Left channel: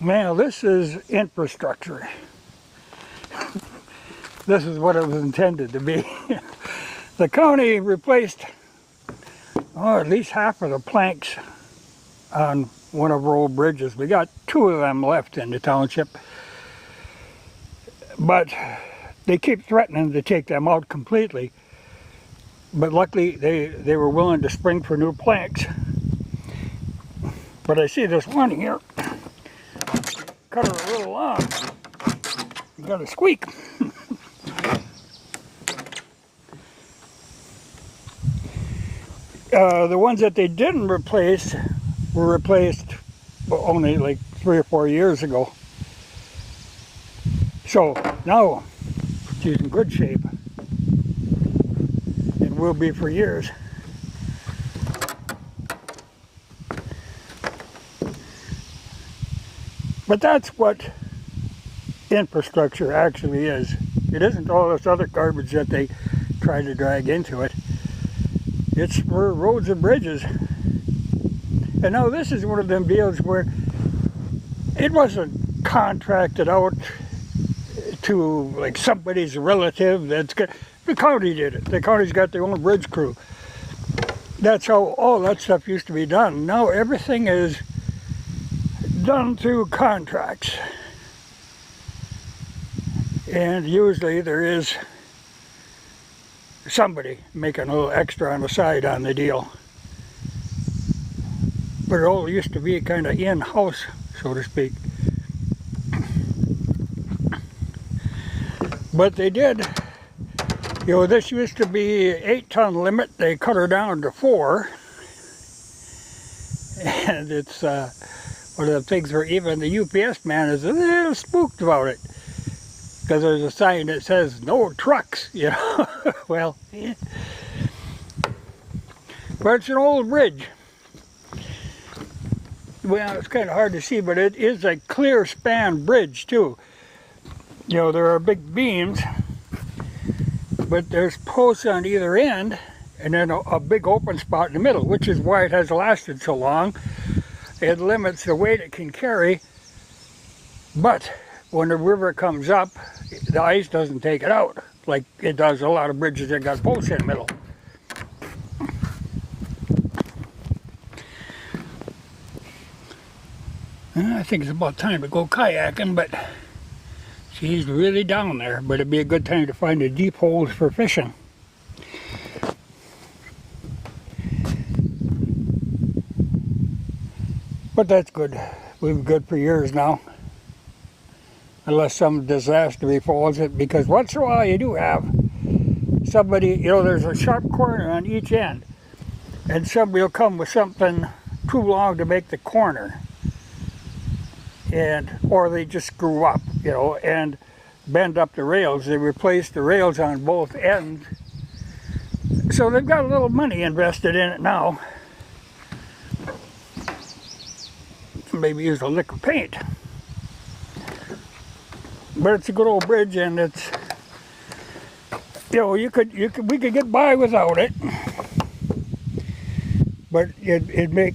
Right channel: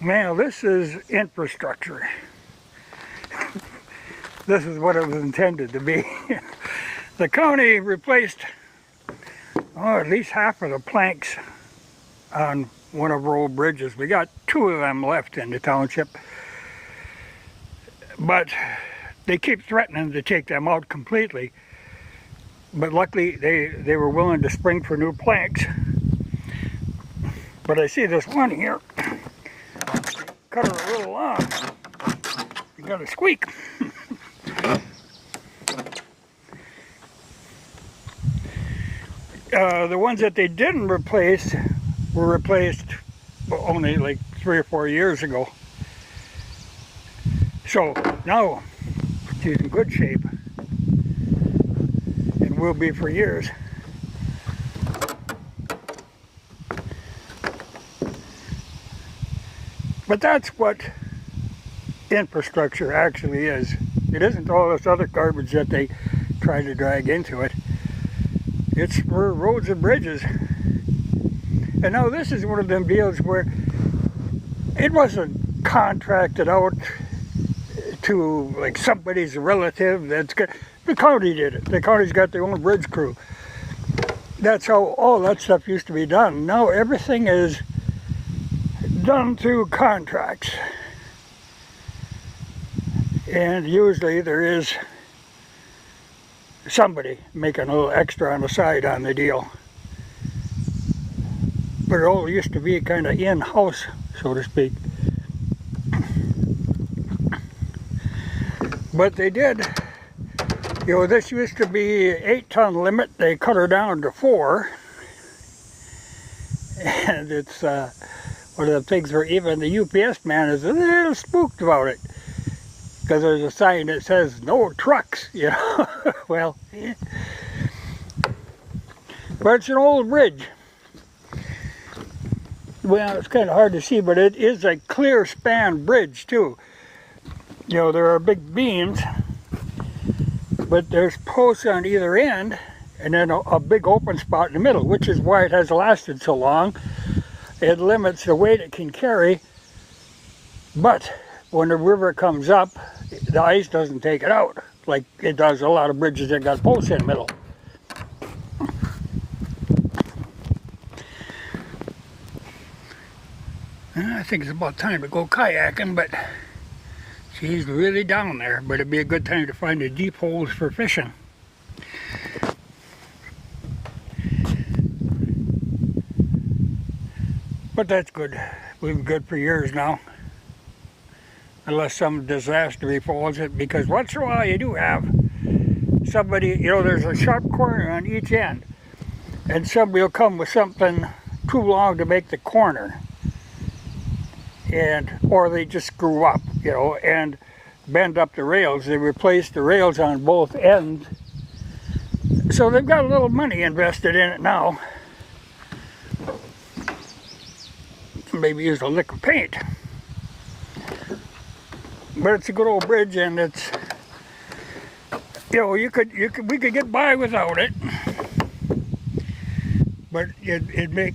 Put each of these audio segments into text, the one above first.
Well, this is infrastructure. This is what it was intended to be. The county replaced at least half of the planks on one of our old bridges. We got 2 of them left in the township, but they keep threatening to take them out completely. But luckily they were willing to spring for new planks. But I see this one here, cut her a little long, you got a squeak. The ones that they didn't replace were replaced only like 3 or 4 years ago. So now she's in good shape and will be for years. But that's what infrastructure actually is. It isn't all this other garbage that they try to drag into it. It's for roads and bridges. And now this is one of them deals where it wasn't contracted out to like somebody's relative. The county did it. The county's got their own bridge crew. That's how all that stuff used to be done. Now everything is done through contracts. And usually there is somebody making a little extra on the side on the deal. But it all used to be kind of in-house, so to speak. But they did, this used to be 8-ton limit. They cut her down to 4. And it's one of the things where even the UPS man is a little spooked about it. Because there's a sign that says, no trucks, Well, but it's an old bridge. Well, it's kind of hard to see, but it is a clear span bridge, too. There are big beams, but there's posts on either end, and then a big open spot in the middle, which is why it has lasted so long. It limits the weight it can carry, but when the river comes up, the ice doesn't take it out like it does a lot of bridges that got posts in the middle. I think it's about time to go kayaking, but she's really down there. But it'd be a good time to find the deep holes for fishing. But that's good. We've been good for years now. Unless some disaster befalls it, because once in a while you do have somebody, there's a sharp corner on each end, and somebody will come with something too long to make the corner, or they just screw up, and bend up the rails. They replace the rails on both ends, so they've got a little money invested in it now. Maybe use a lick of paint. But it's a good old bridge, and it's, we could get by without it. But it'd make,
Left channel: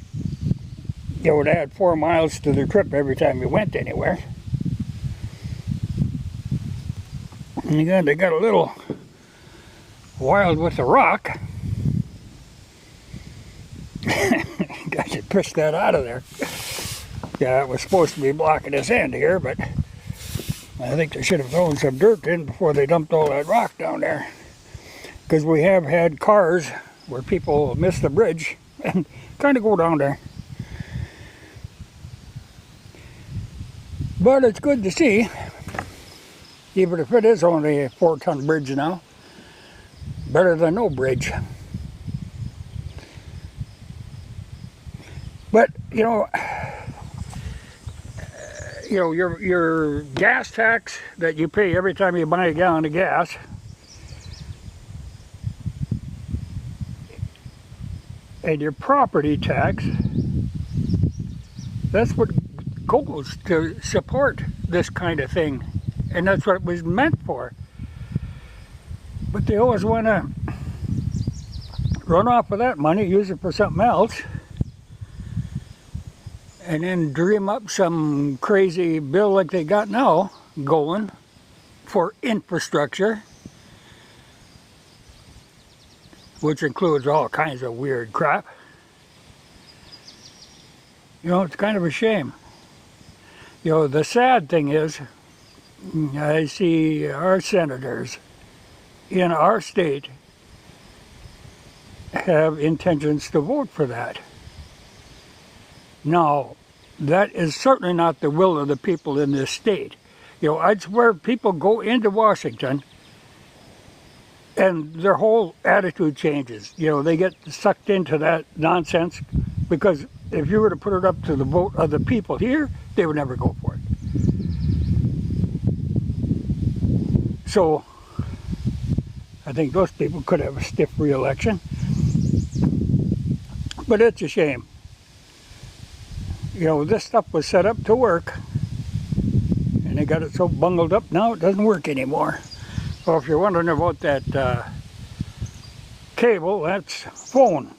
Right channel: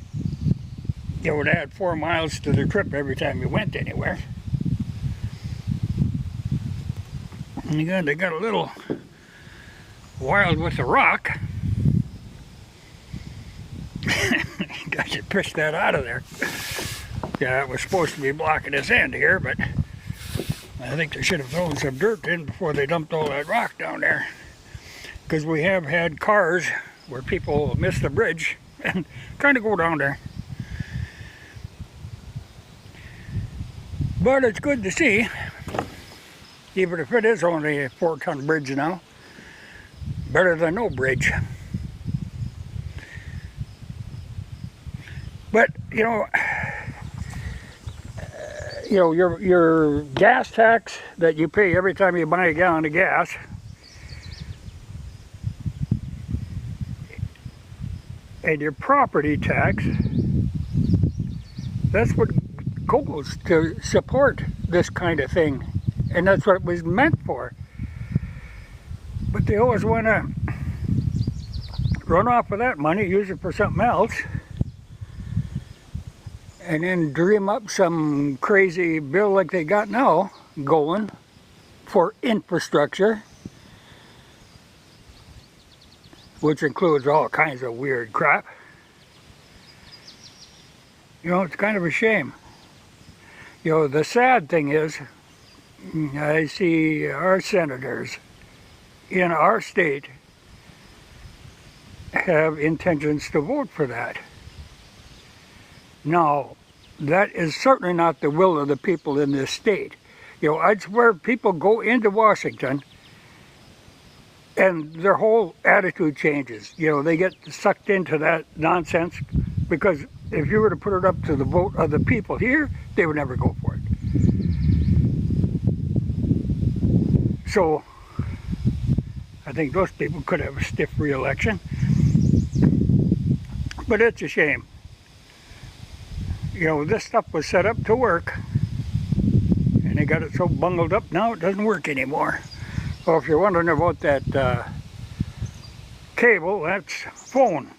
it add 4 miles to the trip every time you went anywhere. And again, they got a little wild with the rock. Got to push that out of there. Yeah, it was supposed to be blocking this end here, but I think they should have thrown some dirt in before they dumped all that rock down there. Because we have had cars where people miss the bridge and kind of go down there. But it's good to see, even if it is only a 4-ton bridge now. Better than no bridge. But, your gas tax that you pay every time you buy a gallon of gas, and your property tax, that's what goes to support this kind of thing, and that's what it was meant for. But they always want to run off with that money, use it for something else, and then dream up some crazy bill like they got now going for infrastructure, which includes all kinds of weird crap. You know, it's kind of a shame. You know, the sad thing is, I see our senators in our state have intentions to vote for that. Now, that is certainly not the will of the people in this state. You know, I swear people go into Washington and their whole attitude changes. You know, they get sucked into that nonsense, because if you were to put it up to the vote of the people here, they would never go for it. So, I think those people could have a stiff re-election. But it's a shame. You know, this stuff was set up to work, and they got it so bungled up now it doesn't work anymore. Well, if you're wondering about that cable, that's phone.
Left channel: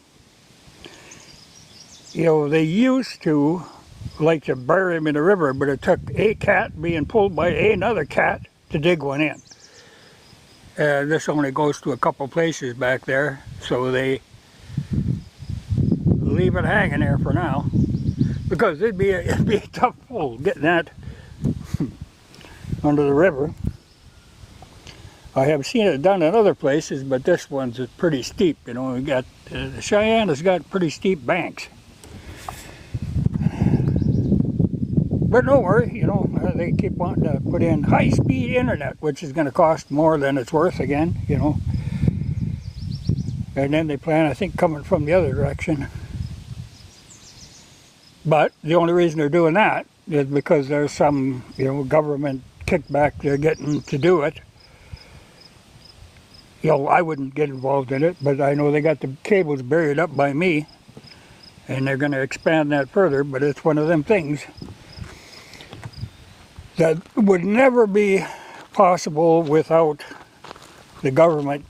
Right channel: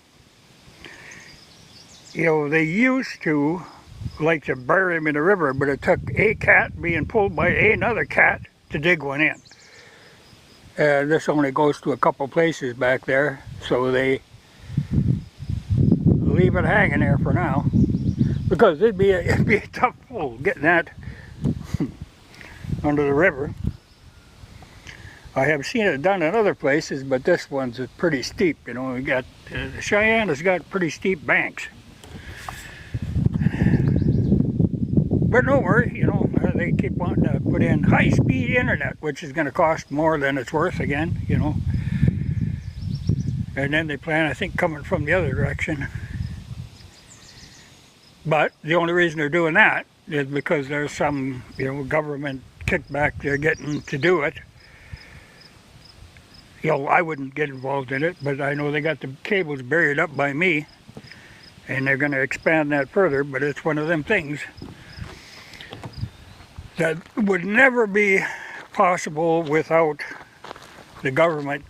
You know, they used to like to bury them in the river, but it took a cat being pulled by another cat to dig one in. This only goes to a couple places back there, so they leave it hanging there for now, because it'd be a tough pull getting that under the river. I have seen it done in other places, but this one's pretty steep. You know, we got Cheyenne has got pretty steep banks. But no worry, you know, they keep wanting to put in high-speed internet, which is going to cost more than it's worth again, you know. And then they plan, I think, coming from the other direction. But the only reason they're doing that is because there's some, you know, government kickback they're getting to do it. You know, I wouldn't get involved in it, but I know they got the cables buried up by me, and they're going to expand that further, but it's one of them things that would never be possible without the government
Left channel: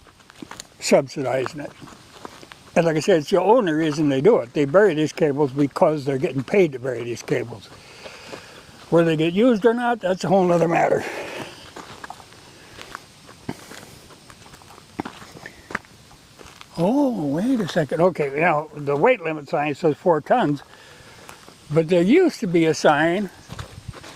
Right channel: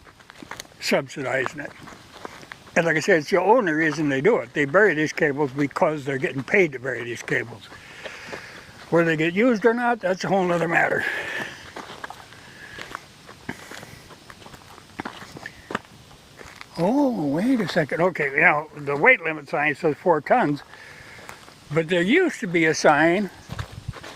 subsidizing it. And like I said, it's the only reason they do it. They bury these cables because they're getting paid to bury these cables. Whether they get used or not, that's a whole other matter. Oh, wait a second. Okay, you know, the weight limit sign says 4 tons, but there used to be a sign.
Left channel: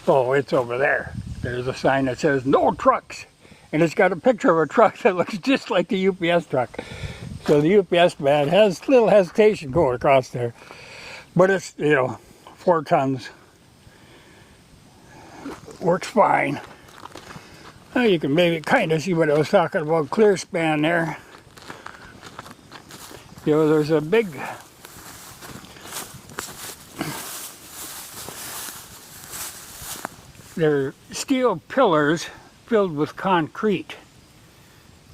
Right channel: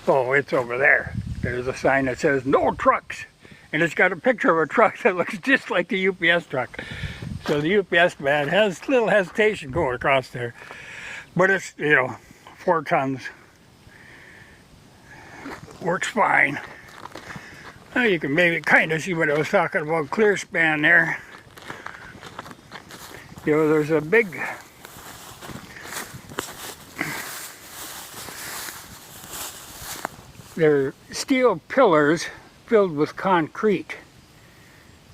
Oh, it's over there. There's a sign that says no trucks, and it's got a picture of a truck that looks just like a UPS truck. So the UPS man has a little hesitation going across there, but it's, you know, 4 tons. Works fine. Well, you can maybe kind of see what I was talking about, clear span there. You know, there's a big they're steel pillars filled with concrete.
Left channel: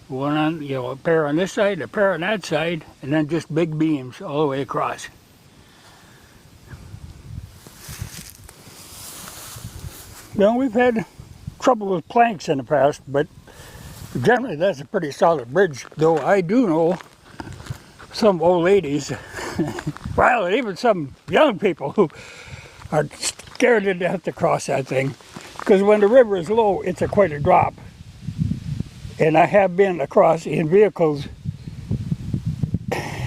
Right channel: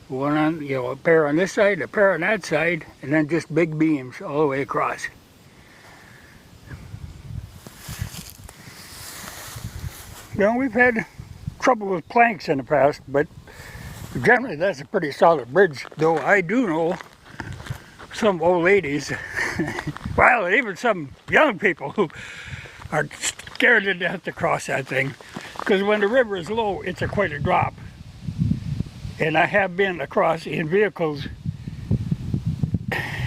One on, you know, a pair on this side, a pair on that side, and then just big beams all the way across. You know, we've had trouble with planks in the past, but generally that's a pretty solid bridge, though I do know some old ladies, well, even some young people who are scared to death to cross that thing, because when the river is low, it's quite a drop. And I have been across in vehicles,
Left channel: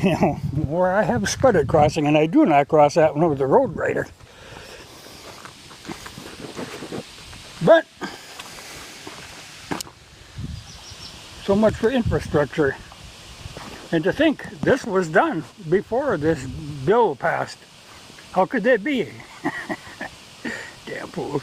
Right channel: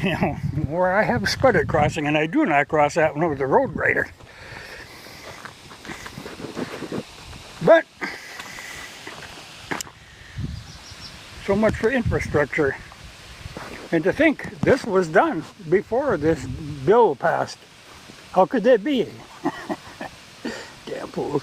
you know, where I have spudded crossing, and I do not cross that one with a road grader. But so much for infrastructure. And to think this was done before this bill passed. How could that be? Damn fools.